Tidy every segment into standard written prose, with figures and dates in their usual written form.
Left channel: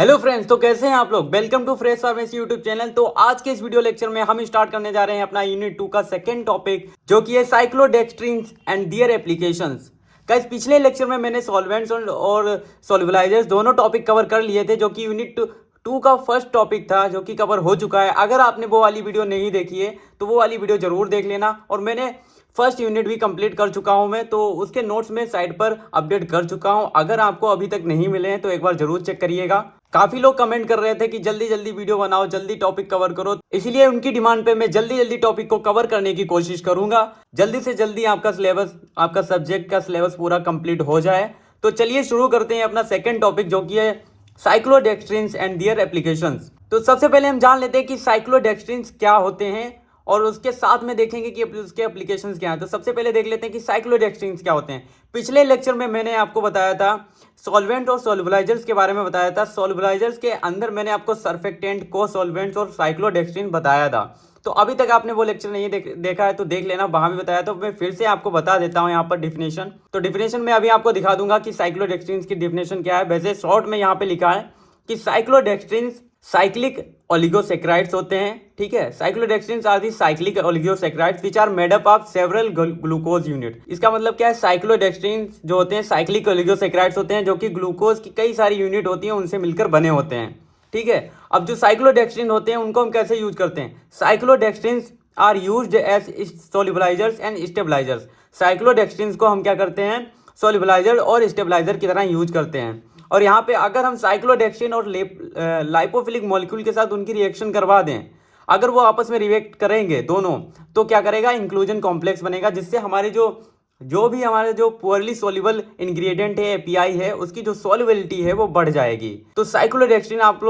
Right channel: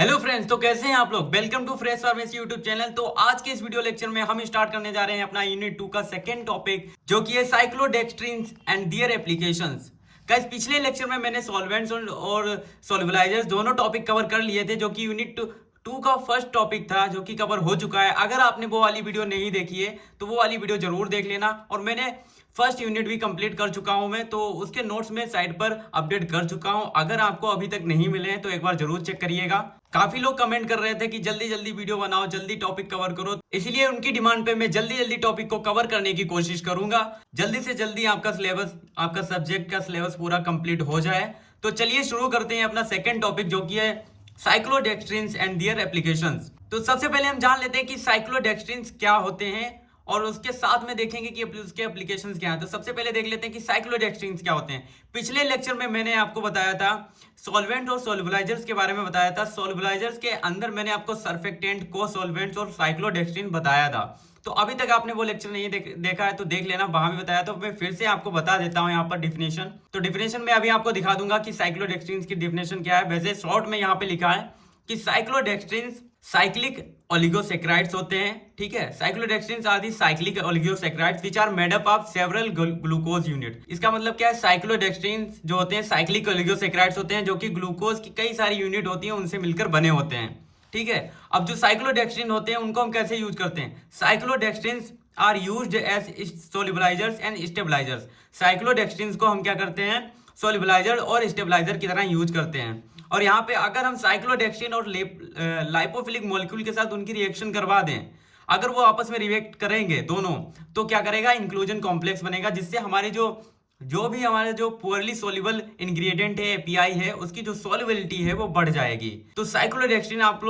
Hello friends, तो कैसे हैं आप लोग। Welcome to fresh pharmacy YouTube channel. तो आज के इस वीडियो लेक्चर में हम स्टार्ट करने जा रहे हैं अपना यूनिट 2 का सेकंड टॉपिक, जो कि है साइक्लोडेक्स्ट्रिन्स एंड दियर एप्लीकेशंस। गाइस, पिछले लेक्चर में मैंने सॉल्वेंट्स और सॉल्युबलाइजर्स दोनों टॉपिक कवर कर लिए थे, जो कि यूनिट 2 का फर्स्ट टॉपिक था, जो कि कवर हो चुका है। अगर आपने वो वाली वीडियो नहीं देखी है तो वो वाली वीडियो जरूर देख लेना। और मैंने फर्स्ट यूनिट भी कंप्लीट कर चुका हूं मैं, तो उसके नोट्स में साइट पर अपडेट कर चुका हूं। अगर आपको अभी तक नहीं मिले हैं तो एक बार जरूर चेक करिएगा। काफी लोग कमेंट कर रहे थे कि जल्दी जल्दी वीडियो बनाओ, जल्दी टॉपिक कवर करो, इसलिए उनकी डिमांड पे मैं जल्दी जल्दी टॉपिक को कवर करने की कोशिश करूंगा। जल्दी से जल्दी आपका सिलेबस, आपका सब्जेक्ट का सिलेबस पूरा कंप्लीट हो जाए। तो चलिए शुरू करते हैं अपना सेकेंड टॉपिक, जो कि है साइक्लोडेक्स्ट्रिन्स एंड दियर एप्लीकेशंस। तो सबसे पहले हम जान लेते हैं कि साइक्लोडेक्स्ट्रिन्स क्या होते हैं, और उसके साथ में देखेंगे कि उसके एप्लीकेशंस क्या हैं। तो सबसे पहले देख लेते हैं कि साइक्लोडेक्स्ट्रिन्स क्या होते हैं। पिछले लेक्चर में मैंने आपको बताया था सॉल्वेंट और सॉल्युबलाइजर्स के बारे में बताया था। सॉल्युबलाइजर्स के अंदर मैंने आपको सर्फेक्टेंट, को सॉल्वेंट्स और साइक्लोडेक्स्ट्रिन बताया था। तो अभी तक आपने वो लेक्चर नहीं देखा है तो देख लेना, वहां भी बताया। तो मैं फिर से आपको बता देता हूं यहाँ पर डिफिनेशन। तो डिफिनेशन में अभी आपको दिखा दूंगा कि साइक्लोडेक्स्ट्रिन्स की डिफिनेशन क्या है। वैसे शॉर्ट में यहाँ पे लिखा है कि साइक्लोडेक्स्ट्रिन्स साइक्लिक ओलिगोसेक्राइड्स होते हैं। ठीक है, cyclodextrins are the cyclic oligosaccharides which are made up of several glucose unit. इसका मतलब क्या है, साइक्लोडेक्स्ट्रिन्स जो होते हैं साइक्लिक ओलिगोसेक्राइड्स होते हैं, जो कि ग्लूकोज की कई सारी यूनिट होती हैं, उनसे मिलकर बने होते हैं। ठीक है, अब जो साइक्लोडेक्स्ट्रिन होते हैं उनको हम कैसे यूज करते हैं। Cyclodextrins are used as solubilisers and stabilisers. Cyclodextrins को हम क्या करते हैं, सोल्युबलाइजर और स्टेबलाइजर की तरह यूज करते हैं। और यहाँ पे अगर हम साइक्लोडेक्सिन और लाइपोफिलिक मॉलिक्यूल के साथ उनकी रिएक्शन करवा दें, अगर वो आपस में रिएक्ट करेंगे दोनों, तो क्या करेगा, इंक्लूजन कॉम्प्लेक्स बनेगा, जिससे हमारे जो भी हमारे जो पुअरली सोल्यूबल इंग्रेडिएंट है, एपीआई है, उसकी जो सॉल्युबिलिटी है वो बढ़ जाएगी। तो साइक्लोडेक्सिन आप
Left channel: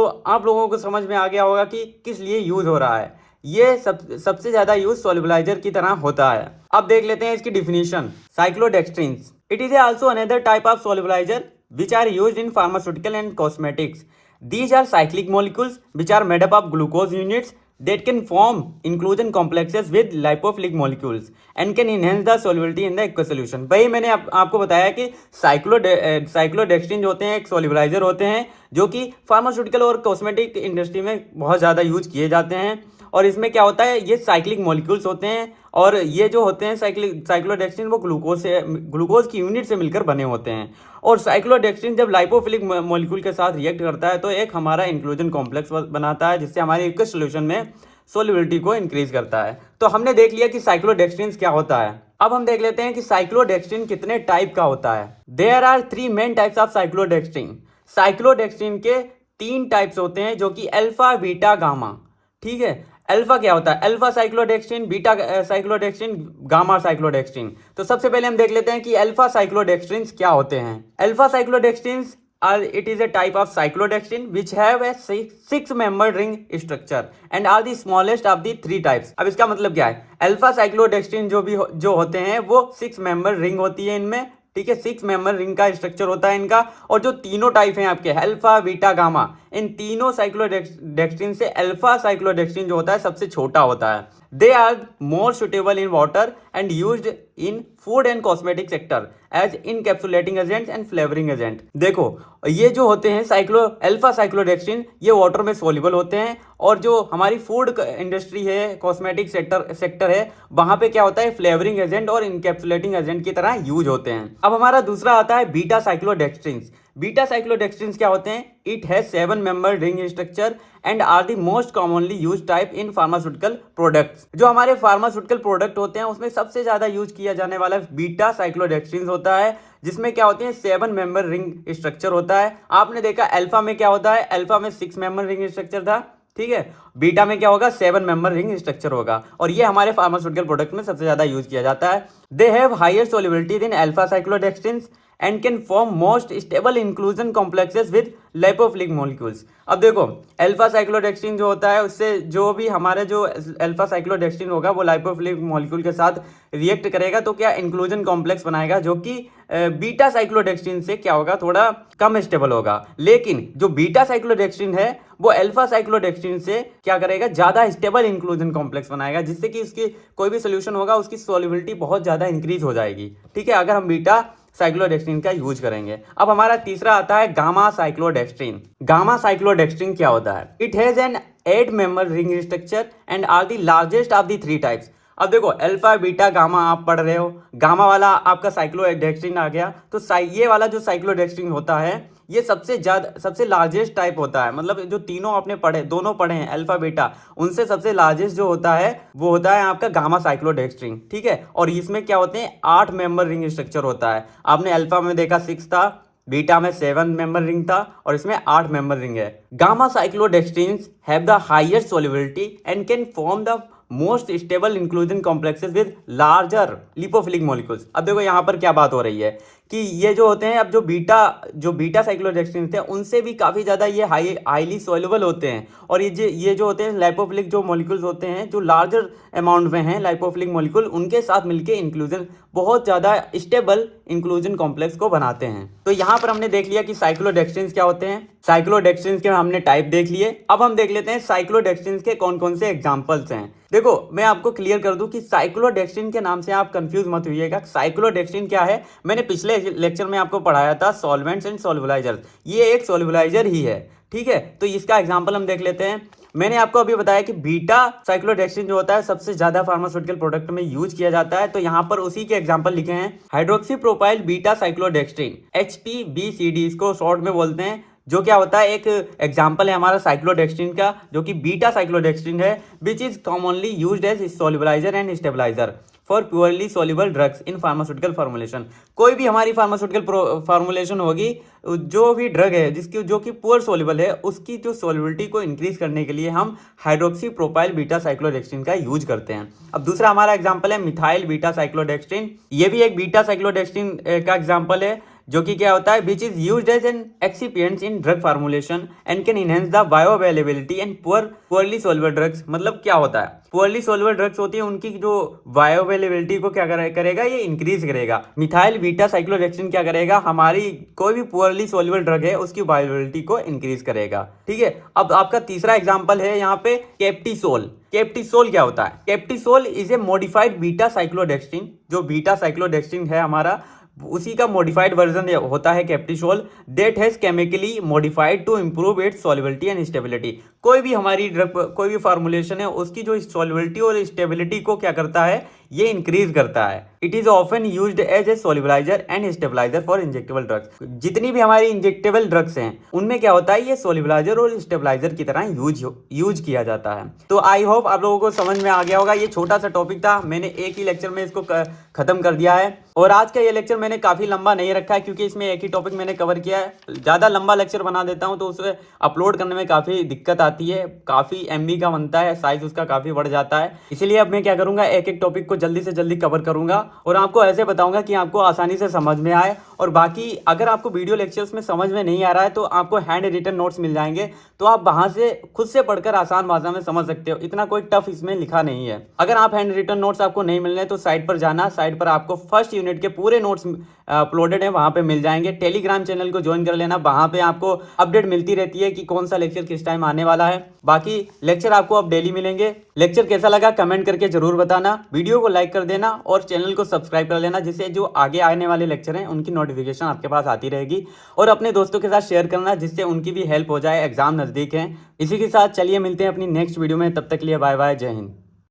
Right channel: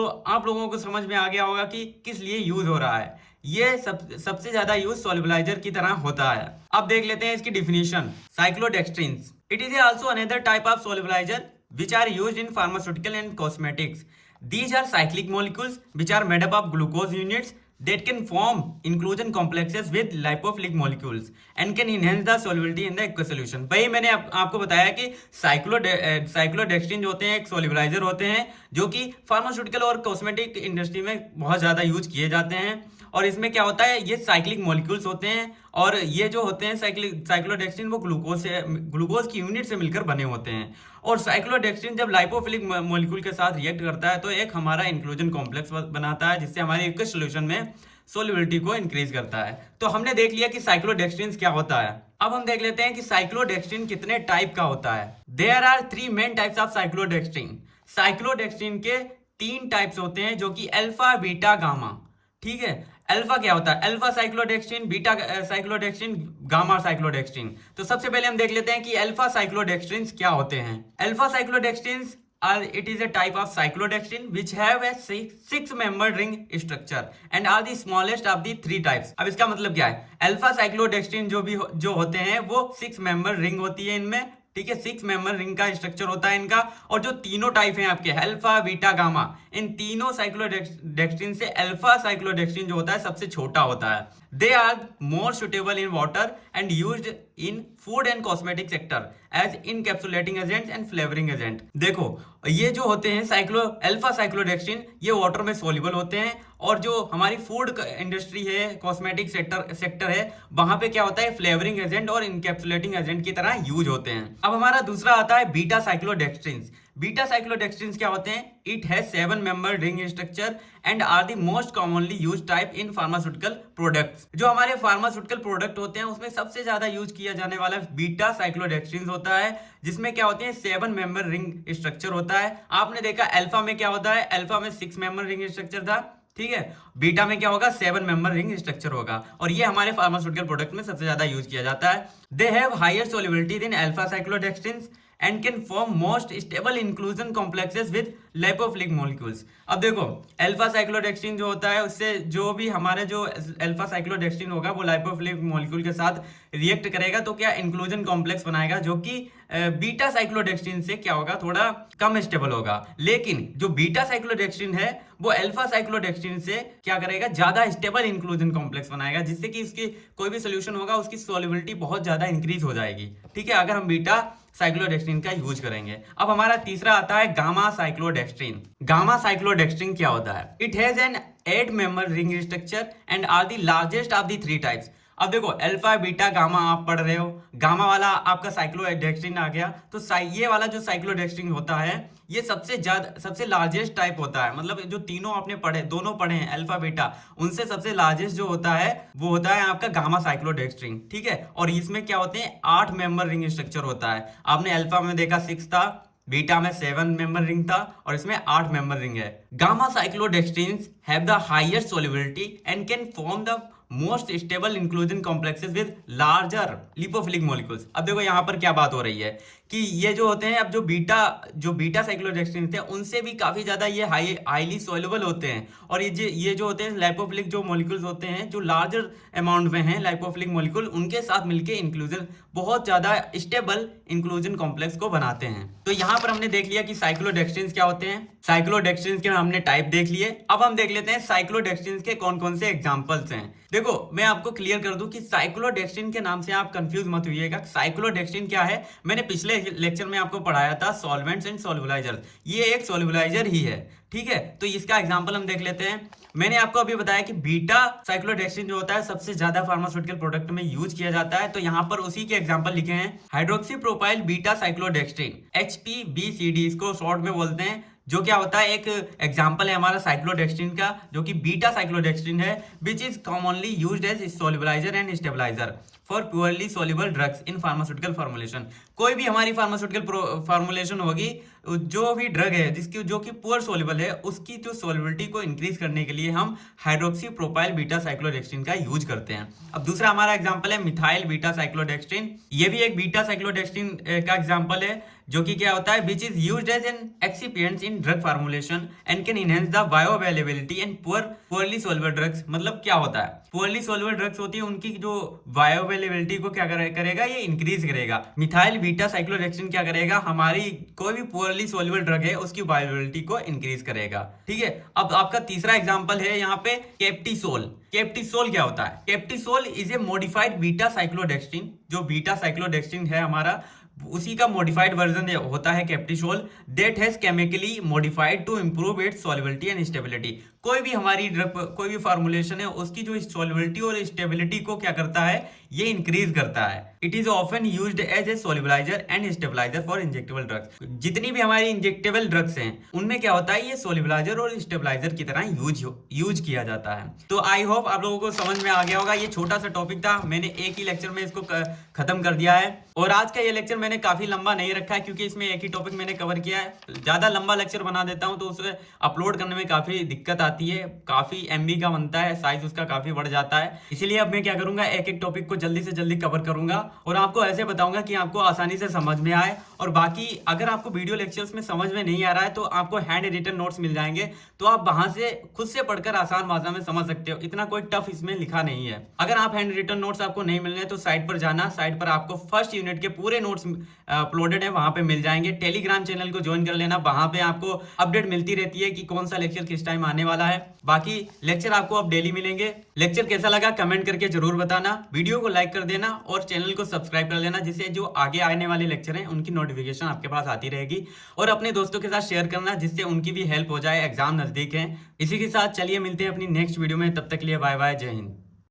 लोगों को समझ में आ गया होगा कि किस लिए यूज हो रहा है। ये सबसे ज्यादा यूज सॉल्युबलाइजर की तरह होता है। अब देख लेते हैं इसकी definition. Cyclodextrins, it is also another type of solubiliser which are used in pharmaceutical and cosmetics. These are cyclic molecules which are made up of glucose units that can form inclusion complexes with lipophilic molecules and can enhance the solubility in the aqueous solution. वही मैंने आपको बताया कि साइक्लोडेक्स्ट्रिन जो होते हैं एक सोल्युबलाइजर होते हैं, जो कि फार्मास्यूटिकल और कॉस्मेटिक इंडस्ट्री में बहुत ज़्यादा यूज किए जाते हैं। और इसमें क्या होता है, ये साइक्लिक मॉलिक्यूल्स होते हैं, और ये जो होते हैं साइक्लोडेक्स्ट्रिन वो ग्लूकोज की यूनिट से मिलकर बने होते हैं। और साइक्लोडेक्स्ट्रिन जब लाइपोफिलिक मॉलिक्यूल के साथ रिएक्ट करता है तो एक हमारा इंक्लूजन कॉम्प्लेक्स बनाता है, जिससे हमारे एक्वस सॉल्यूशन में सोल्युबिलिटी को इंक्रीज करता है। तो हमने देख लिया कि साइक्लोडेक्स्ट्रिन क्या होता है। अब हम देख लेते हैं कि साइक्लोडेक्स्ट्रिन कितने टाइप का होता है। There are 3 main types of cyclodextrin. Cyclodextrin के 3 टाइप्स होते हैं, जो कि अल्फा, बीटा, गामा। ठीक है, अल्फा क्या होता है, अल्फा साइक्लोडेक्स्ट्रिन, बीटा साइक्लोडेक्स्ट्रिन, गामा साइक्लोडेक्स्ट्रिन। तो सबसे पहले हम देख लेते हैं कि अल्फा साइक्लोडेक्स्ट्रिन क्या होते हैं। Alpha cyclodextrin it is a type of cyclodextrin which have a 6-membered ring structure and are the smallest of the 3 types. अब इसका मतलब क्या है, अल्फा साइक्लोडेक्स्ट्रिन जो होते हैं वो 6-membered ring होती है इनमें। ठीक है, 6-membered रिंग का स्ट्रक्चर होता है इनका। और जो तीनों टाइप हैं आपके अल्फा, बीटा, गामा, इन तीनों साइक्लोडेक्स्ट्रिन से अल्फा साइक्लोडेक्स्ट्रिन जो होता है सबसे छोटा होता है। They are more suitable in water and used in food and cosmetic sector as encapsulating agent and flavouring agent. देखो, ये जो होते हैं अल्फा साइक्लोडेक्स्ट्रिन, ये वाटर में सोल्यूबल होते हैं, और जो हमारी फूड इंडस्ट्री है, कॉस्मेटिक सेक्टर है, वहां पे क्या होता है, फ्लेवरिंग एजेंट और इनकैप्सुलेटिंग एजेंट की तरह यूज होते हैं। अब हमारा दूसरा आता है बीटा साइक्लोडेक्स्ट्रिन। बीटा साइक्लोडेक्स्ट्रिन क्या होते हैं, it has 7-membered ring structure and are the most commonly use type in pharmaceutical products. जो हमारे फार्मास्यूटिकल प्रोडक्ट होते हैं उसमें सबसे ज्यादा यूज किया जाने वाला बीटा साइक्लोडेक्स्ट्रिन होता है, जिसमें क्या होते हैं 7-membered रिंग स्ट्रक्चर होता है। आपने देखा अल्फा में क्या होता है, अल्फा में 6-membered रिंग स्ट्रक्चर था। ठीक है, बीटा में क्या होगा, 7-membered रिंग स्ट्रक्चर होगा, और ये हमारे फार्मास्यूटिकल प्रोडक्ट में सबसे ज्यादा यूज किया जाता है। They have higher solubility than alpha cyclodextrin and can form most stable inclusion complexes with lipophilic molecules. अब देखो, अल्फा साइक्लोडेक्स्ट्रिन जो होता है उससे जो भी हमारे जो अल्फा साइक्लोडेक्स्ट्रिन होगा वो लाइपोफिलिक मॉलिक्यूल के साथ रिएक्ट करेगा, तो क्या इंक्लूजन कॉम्प्लेक्स बनाएगा, जो कि बीटा साइक्लोडेक्स्ट्रिन से क्या होगा, थोड़ा कम स्टेबल होगा। लेकिन जो बीटा साइक्लोडेक्स्ट्रिन है वो अल्फा साइक्लोडेक्स्ट्रिन से क्या करेगा, ज्यादा स्टेबल इंक्लूजन कॉम्प्लेक्स बनाएगा, जिससे कि उसकी कोई भी सोल्यूशन होगा उसकी सोल्युबिलिटी बहुत ज्यादा इंक्रीज हो जाएगी। ठीक है, अगर हम बीटा साइक्लोडेक्स्ट्रिन का यूज करेंगे। अब हमारा तीसरा आता है गामा साइक्लोडेक्स्ट्रिन। गामा साइक्लोडेक्स्ट्रिन क्या होता है? It has an 8 member ring structure and are the largest of the 3 types. अब देखो अल्फा बीटा गामा आप पढ़ रहे हो, गामा वाला आपका साइक्लोडेक्स्ट्रिन आ गया, तो ये वाला जो साइक्लोडेक्स्ट्रिन होता है ये सबसे लार्जेस्ट टाइप होता है। मतलब जो तीनों आपने दोनों पढ़े हैं अल्फा बीटा, उनसे सबसे लार्जेस्ट जो होता है वो होता है आपका गामा साइक्लोडेक्स्ट्रिन, ठीक है। और इसमें क्या होते हैं, 8 मेंबर रिंग स्ट्रक्चर होता है। आपने अल्फा में देखा 6 था, बीटा में 7 मेंबर रिंग था और इसमें 8 मेंबर रिंग है। Gamma cyclodextrins have the highest solubility and can form the most stable inclusion complexes with larger lipophilic molecules. अब देखो यहाँ पर क्या बात हो रही है कि ये जो होते हैं, अब जो बीटा साइक्लोडेक्स्ट्रिन थे उनसे भी काफी ज्यादा ये हाईली सॉल्युबल होते हैं। और ये जो होते हैं लाइपोफिलिक जो मॉलिक्यूल्स होते हैं, जो लार्जर अमाउंट में हैं लाइपोफिलिक मॉलिक्यूल, उनके साथ मिलके इंक्लूजन बहुत ज्यादा स्टेबल इंक्लूजन कॉम्प्लेक्स को बनाते हैं। तो यहाँ पर हमने देख लिया कि साइक्लोडेक्स्ट्रिन्स क्या होते हैं, साइक्लोडेक्स्ट्रिन्स के हमने टाइप देख लिए। अब हम देख लेते हैं साइक्लोडेक्स्ट्रिन्स के कौन कौन से एग्जांपल्स हैं। देखो मैं आपको क्लियर कर दूं कि साइक्लोडेक्स्ट्रिन के नाम से आप कंफ्यूज मत होइएगा। साइक्लोडेक्स्ट्रिन क्या है, मैंने पिछले लेक्चर में आपको पढ़ाया था सॉल्वेंट्स एंड सॉल्युलाइजर्स, ये एक सॉल्युलाइजर ही है, ठीक है। तो इसका एग्जांपल हम देख लेते हैं। मैंने आपको अभी बताया कि बीटा साइक्लोडेक्स्ट्रिन जो होता है सबसे ज्यादा फार्मास्यूटिकल प्रोडक्ट में यूज किया जाता है, तो यहाँ पर उसी के एग्जांपल लिखे हैं। हाइड्रोक्सी प्रोपाइल बीटा साइक्लोडेक्स्ट्रिन, HPBCD इसको शॉर्ट में बोलते हैं, जो क्या होता है एक एग्जांपल है हमारा साइक्लोडेक्स्ट्रिन का, जो कि बीटा साइक्लोडेक्स्ट्रिन है, which is commonly used as solubiliser and stabiliser for poorly soluble drugs in pharmaceutical formulation. कोई भी हमारी फार्मास्यूटिकल फॉर्मुलेशन होगी, जो भी ड्रग है जो कि पुअर सॉल्युबल है, उसकी जो सॉल्युबिलिटी को इंक्रीज करने के लिए हम हाइड्रोक्सी प्रोपाइल बीटा साइक्लोडेक्स्ट्रिन का यूज करते हैं। अब दूसरा हमारा एग्जांपल है मिथाइल बीटा साइक्लोडेक्स्ट्रिन। ये भी एक बीटा साइक्लोडेक्स्ट्रिन का एग्जांपल है, जो कि क्या होता है, which is used as an excipient in drug formulation and can enhance the bioavailability and poorly soluble drugs. मतलब क्या होता है, पुअरली सॉल्युबल ड्रग्स होती है, उनकी जो बायोअवेलेबिलिटी को क्या करेगा, ये इंक्रीज करेगा। मिथाइल बीटा साइक्लोडेक्स्ट्रिन क्या करेगा, हमारी कोई भी पुअरली सॉल्युबल ड्रग है उसकी बायोअवेलेबिलिटी को इंक्रीज करेगा, ठीक है। अब आपका तीसरा एग्जांपल है यहाँ पे कैप्टिसोल। कैप्टिसोल क्या होता है, कैप्टिसोल इज ए मॉडिफाइड बीटा साइक्लोडेक्स्ट्रिन। जो बीटा साइक्लोडेक्स्ट्रिन है हमारा, उसी का मॉडिफाइड वर्जन होता है Captisol, that has chemically modified to improve its solubility and stability. कोई भी हमारी ड्रग, कोई भी फार्मुलेशन है, उसकी जो सॉल्युबिलिटी और स्टेबिलिटी को क्या करता है, ये इंक्रीज करता है। It is often used as a solubiliser and stabiliser for injectable drugs. जितनी भी हमारी इंजेक्टेबल ड्रग्स हैं उनमें क्या होता है, ये सॉल्युबलाइजर और स्टेबलाइजर की तरह यूज किया जाता है। तो आई होप आप लोगों को समझ में आ गया होगा। ये छोटा सा टॉपिक था, मैंने एक ही लेक्चर में इसको खत्म कर दिया है। और आज का ये लेक्चर मैंने काफी लंबा नहीं रखा है, क्योंकि इसमें एक ही टॉपिक मैंने कवर किया है। ज्यादा लंबा लेक्चर बना देता हूँ तो उसे अपलोड करने में काफी दिक्कत आती है, काफी MB का बनता है, साइज उसका काफी बढ़ जाता है। इसीलिए अब मैं क्या करूंगा, एक एक टॉपिक को जल्दी से जल्दी कवर करूंगा और आपको ऐसे बताऊंगा कि आपको आसानी से समझ में आए। और बाकी अगर आपको वीडियो लेक्चर्स में समझ में नहीं आ रहा है तो आपको हैंड रिटन नोट्स मिल जाएंगे, तो आप वहां से खुद से पढ़कर आसान भाषा में समझ सकते हो। इतना कोई टफ इसमें लिखा नहीं है। अगर आप हैंड रिटन नोट्स आपको नहीं मिलने तो साइट पर जाना, साइट पर आपको फर्स्ट यूनिट के पूरे नोट्स अपलोडेड है, वहां पे मिल जाएंगे। टेलीग्राम चैनल को ज्वाइन कर लेना, वहां पे आपको अपडेट मिलती रहती है कि कौन सा लेक्चर किस टाइम आने वाला है। बाकी लेक्चर आपको अब डेली मिलेंगे। लेक्चर कैसा लगा कमेंट करके जरूर बताना, वीडियो को लाइक कर देना और चैनल को सब्सक्राइब कर लेना, जिससे जो आगे आने वाले लेक्चर हैं उनकी नोटिफिकेशन आपके पास आती रहेगी। और अपने दोस्तों के साथ शेयर करना, जिससे उनकी भी हेल्प हो जाए, एग्जाम नजदीक है। इसी के साथ चलिए मिलते हैं अपनी नेक्स्ट वीडियो में, तब तक के लिए बाय बाय, जय हिंद।